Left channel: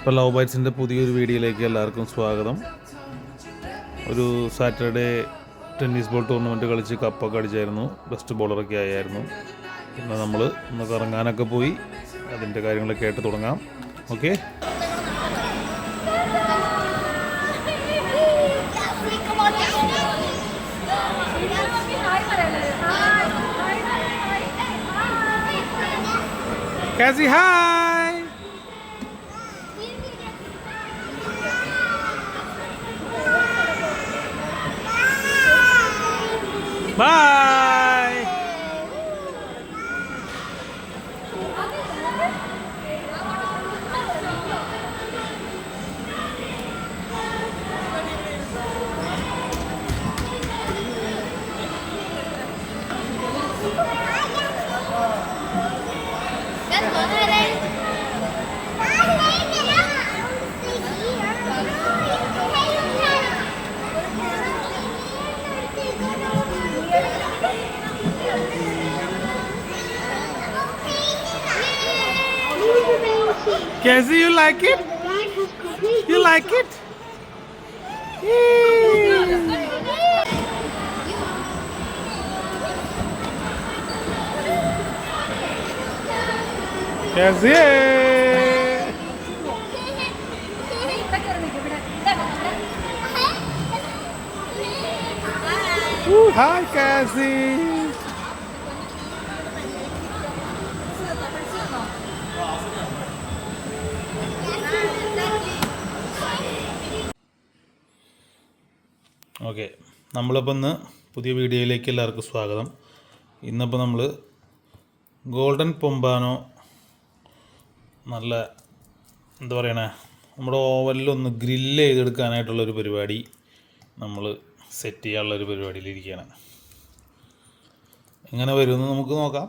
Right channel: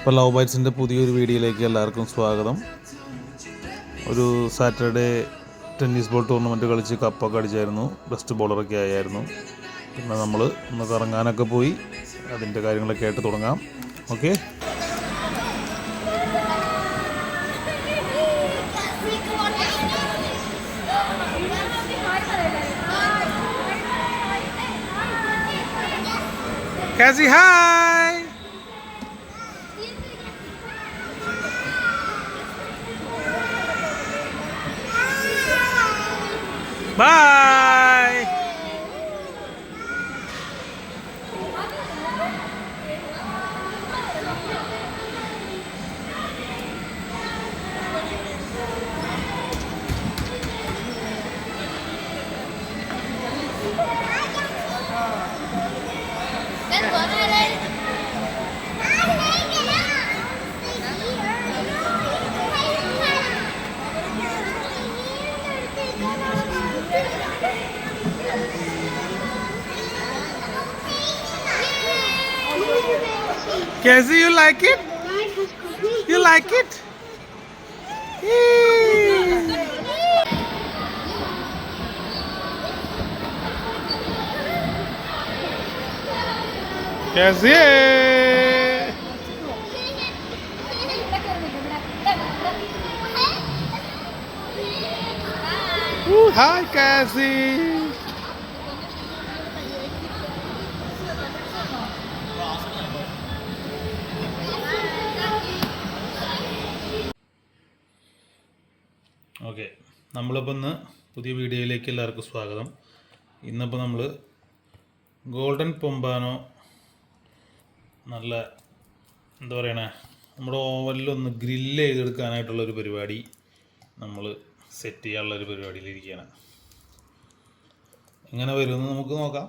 ഇപ്പോൾ ലവ് ബൈറ്റ്സിൻ്റെ പുതിയൊരു വീഡിയോയിലേക്ക് എല്ലാവർക്കും സ്വാഗതം. ഒരു സാറ്റർഡേ ടെന്നീസ് ബോൾ ടൂർണമെൻറ്റ് കളിച്ച് കപ്പൊക്കെ അടിച്ചായിരുന്നു, ബെസ്റ്റ് ബോളറൊക്കെ ആയിരുന്നു. പിന്നെ നമ്മൾ ഒന്ന് കറങ്ങാനൊക്കെ പോയി, അതിൻ്റെ കാര്യങ്ങളൊക്കെ ആയിട്ട് തുടങ്ങാം. Okay, Cassie, hi! Bye! Cassie, you like it? You like it? Cassie! Hi, Cassie! Okay, നമ്മളിപ്പോൾ ഇന്ന് പുതിയ വീഡിയോയിലേക്ക് എല്ലാവർക്കും സ്വാഗതം. ഇന്നിപ്പോൾ നമ്മൾ ഗോൾഡൻ പൊമ്പാനോ നല്ല എന്താ പറയണേ, നമ്മുടെ ഓവനിലൊന്ന് ഗ്രില്ല് ചെയ്തെടുക്കാനായിട്ടുള്ളൊരു പരിപാടി നമ്മൾ സെറ്റ് ചെയ്യാനുള്ളൊരു പരിപാടിയിലിരിക്കുകയാണ്. എങ്ങനെ വരുമെന്ന് നമുക്ക് നോക്കാം.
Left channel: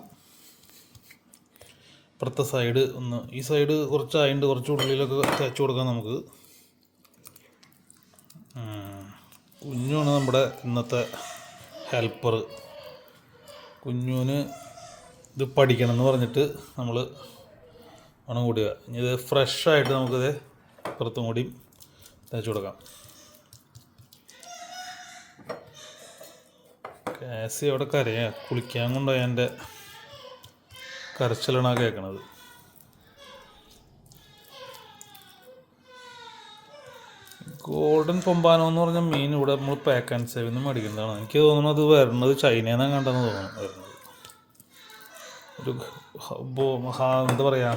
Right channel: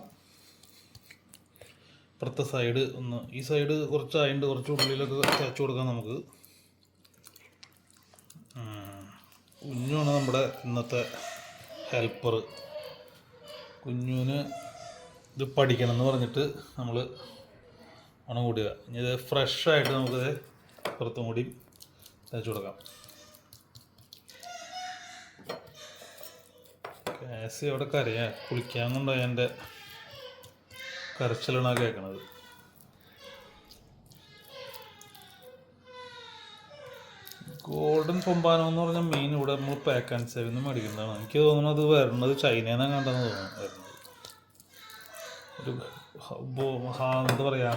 ഇപ്പുറത്തെ സൈഡ് ഒന്ന്, ഈ സൈഡ് കുറച്ചായിട്ട് കുറച്ച് ഉള്ളിലൊക്കെ തേച്ച് കൊടുക്കാം നമുക്ക്. കുഞ്ഞുമാണ് നമ്മുടെ ഇന്നത്തെ ഹെൽപ്പർ. കുഞ്ഞുവിന് ഇത് പഠിക്കണം എന്ന് പറഞ്ഞിട്ട് നമ്മൾ മണം കൂടിയ ഇനി ഇത് ഫ്രഷായിട്ട് നമുക്കിത് പുറത്തും കൂടി തേച്ച് കൊടുക്കാം. കാസി അവിടെ കരയാ, കുളിക്കാൻ കൊണ്ടുപോയി എൻ്റെ കരച്ചിലാണ് കേൾക്കണത്. ഗോൾഡൻ പൊമ്പാനോ എന്ന് പറഞ്ഞ മീൻ ഇവിടെ നമ്മൾ പാക്ക് ആൻഡ് സേവിൽ നിന്ന് മേടിക്കുന്നതാണ്. എനിക്ക് തോന്നുന്നത് അത് വരുന്നത് ചൈനയിൽ നിന്നാണ് കണ്ടെന്ന് തോന്നുന്നു. വരുന്നത് ഒരു എന്താ പറയുക,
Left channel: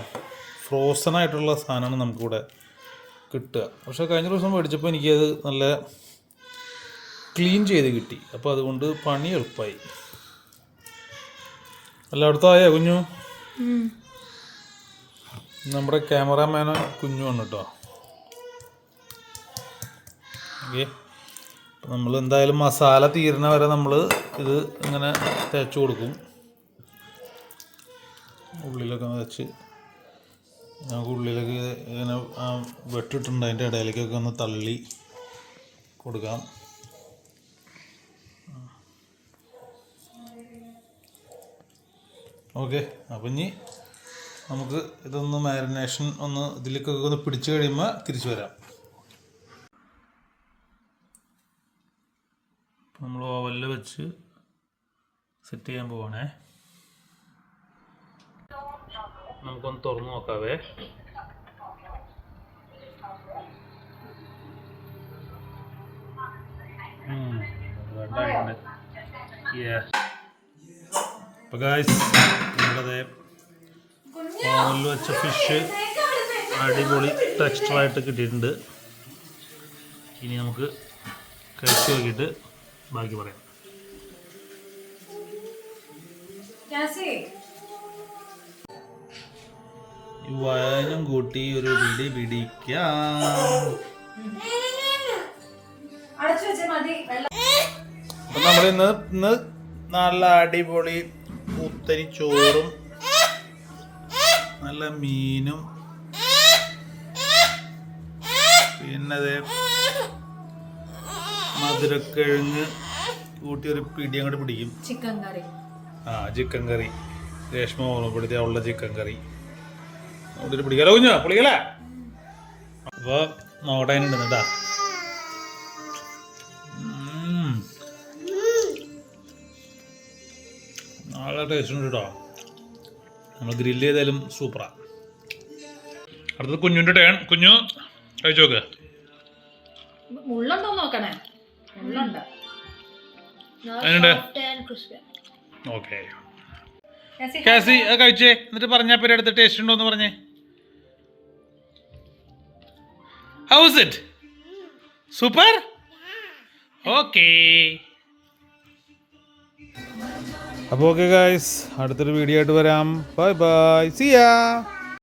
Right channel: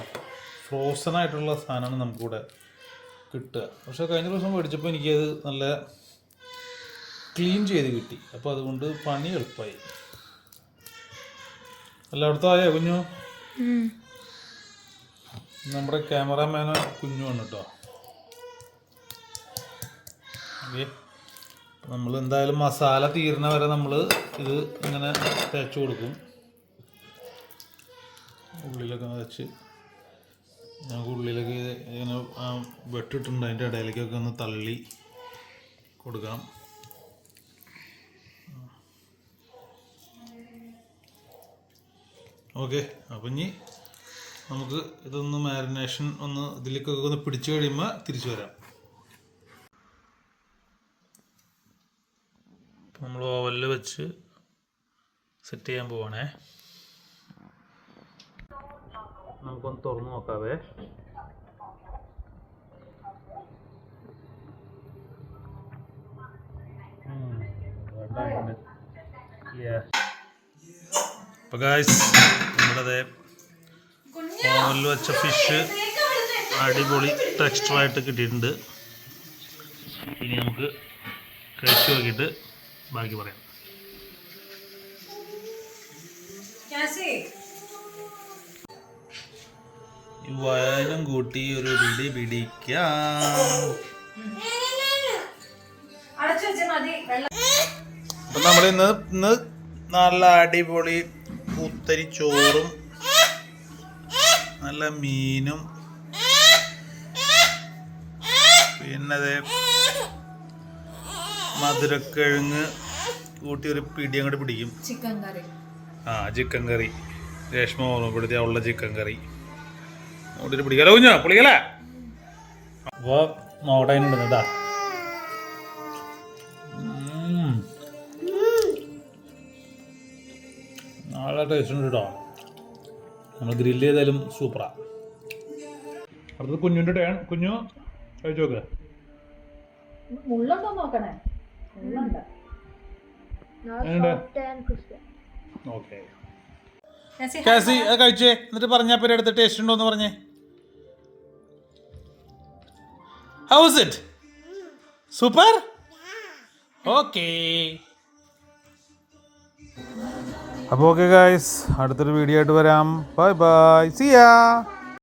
ഫ്രോസൺ ആയിട്ടുള്ള സാധനമാണ് നമുക്കിവിടെ കിട്ടുക. പക്ഷേ കഴിഞ്ഞ ദിവസം മേടിച്ചപ്പോൾ എനിക്കത് നല്ല ക്ലീൻ ചെയ്ത് കിട്ടി. അപ്പോൾ അതുകൊണ്ട് പണി എളുപ്പമായി. എല്ലായിടത്തും ആയോ കുഞ്ഞു? നമ്മുടെ ക്യാമറാമാന് കുഞ്ഞുമാണ് കേട്ടോ. ഓക്കെ, നമ്മൾ എന്തായാലും മസാല തീരുന്ന വരെ നമ്മൾ ഇത് ഇങ്ങനെ തേച്ച് കൊടുക്കും. ഉള്ളിലൊക്കെ വെച്ച് നമുക്ക് ഉള്ളിലൊക്കെ ഇങ്ങനെ വെട്ടിട്ടുണ്ട്, അതിൻ്റെ ഇടയിലേക്കൊക്കെ ഒന്ന് തള്ളി കൊടുക്കാം. ഓക്കെ, അപ്പം ഇനി നമുക്ക് ഇതൊന്ന് മാരിനേഷൻ ഒന്ന് ഇതിലേക്കൊക്കെ ഒന്ന് പിടിച്ചു കഴിയുമ്പോൾ തിരിച്ചു വരാം. നമ്മൾ ഓവനിൽ വെച്ച് സെറ്റ് ചെയ്യാൻ പോവാണേ. നമുക്കൊന്ന് തുറന്നു നോക്കാവേ. അപ്പോൾ ഗായ്സ്, നമ്മുടെ ഓവനിൽ വെച്ച ഫിഷ് അടിപൊളി ടെക്സ്ചറായിട്ട് കിട്ടിയിട്ടുണ്ട്. ഇനി നമുക്ക് കഴിച്ചു നോക്കിയിട്ട് ബാക്കി പറയാം. വയനും കൂട്ടി ഒരു പിടി പിടിക്കാം. അപ്പൊ നമ്മൾ ഇന്ന് നല്ല അടിപൊളി കുത്തരി ചോറും നല്ല മീനും പിന്നെ മധുരക്കിഴങ്ങ് കൂട്ടി ഒരു പിടി അങ്ങോട്ട് പിടിക്കും. ചിക്കൻ കറി രേഷ്മ ഓർമ്മപ്പെടുത്തിയ ഉള്ള ചിക്കൻ കറി അങ്ങോട്ട് പിടിക്കാലോ കുഞ്ഞാ, പൊളിക്കല. അപ്പോൾ നോക്കട്ടെ അതിനുണ്ട് കേട്ടാ. നല്ല ടേസ്റ്റ് ഉണ്ട് കേട്ടോ. നമ്മൾ ഗ്രില്ല് ചെയ്താലും സൂപ്പറാണ്. അടുത്തത് കുഞ്ഞുൻ്റെ ടേൺ. കുഞ്ഞു കഴിച്ചു നോക്ക്. മുള്ളുണ്ടോ നോക്കണേ. മുള്ളുണ്ട്. ഓക്കെ കാസി കഴിച്ചേ, എന്നിട്ട് പറഞ്ഞാൽ പേര് അടുത്ത് ടേസ്റ്റ് ഉണ്ടോ എന്ന് പറഞ്ഞേ. House it? സൂപ്പർ. ഓക്കെ. അപ്പോൾ ഓക്കെ ഗായ്സ്, അടുത്തൊരു വീഡിയോ ആയിട്ട് വരാം. ബൈ ബൈ, സി യാ.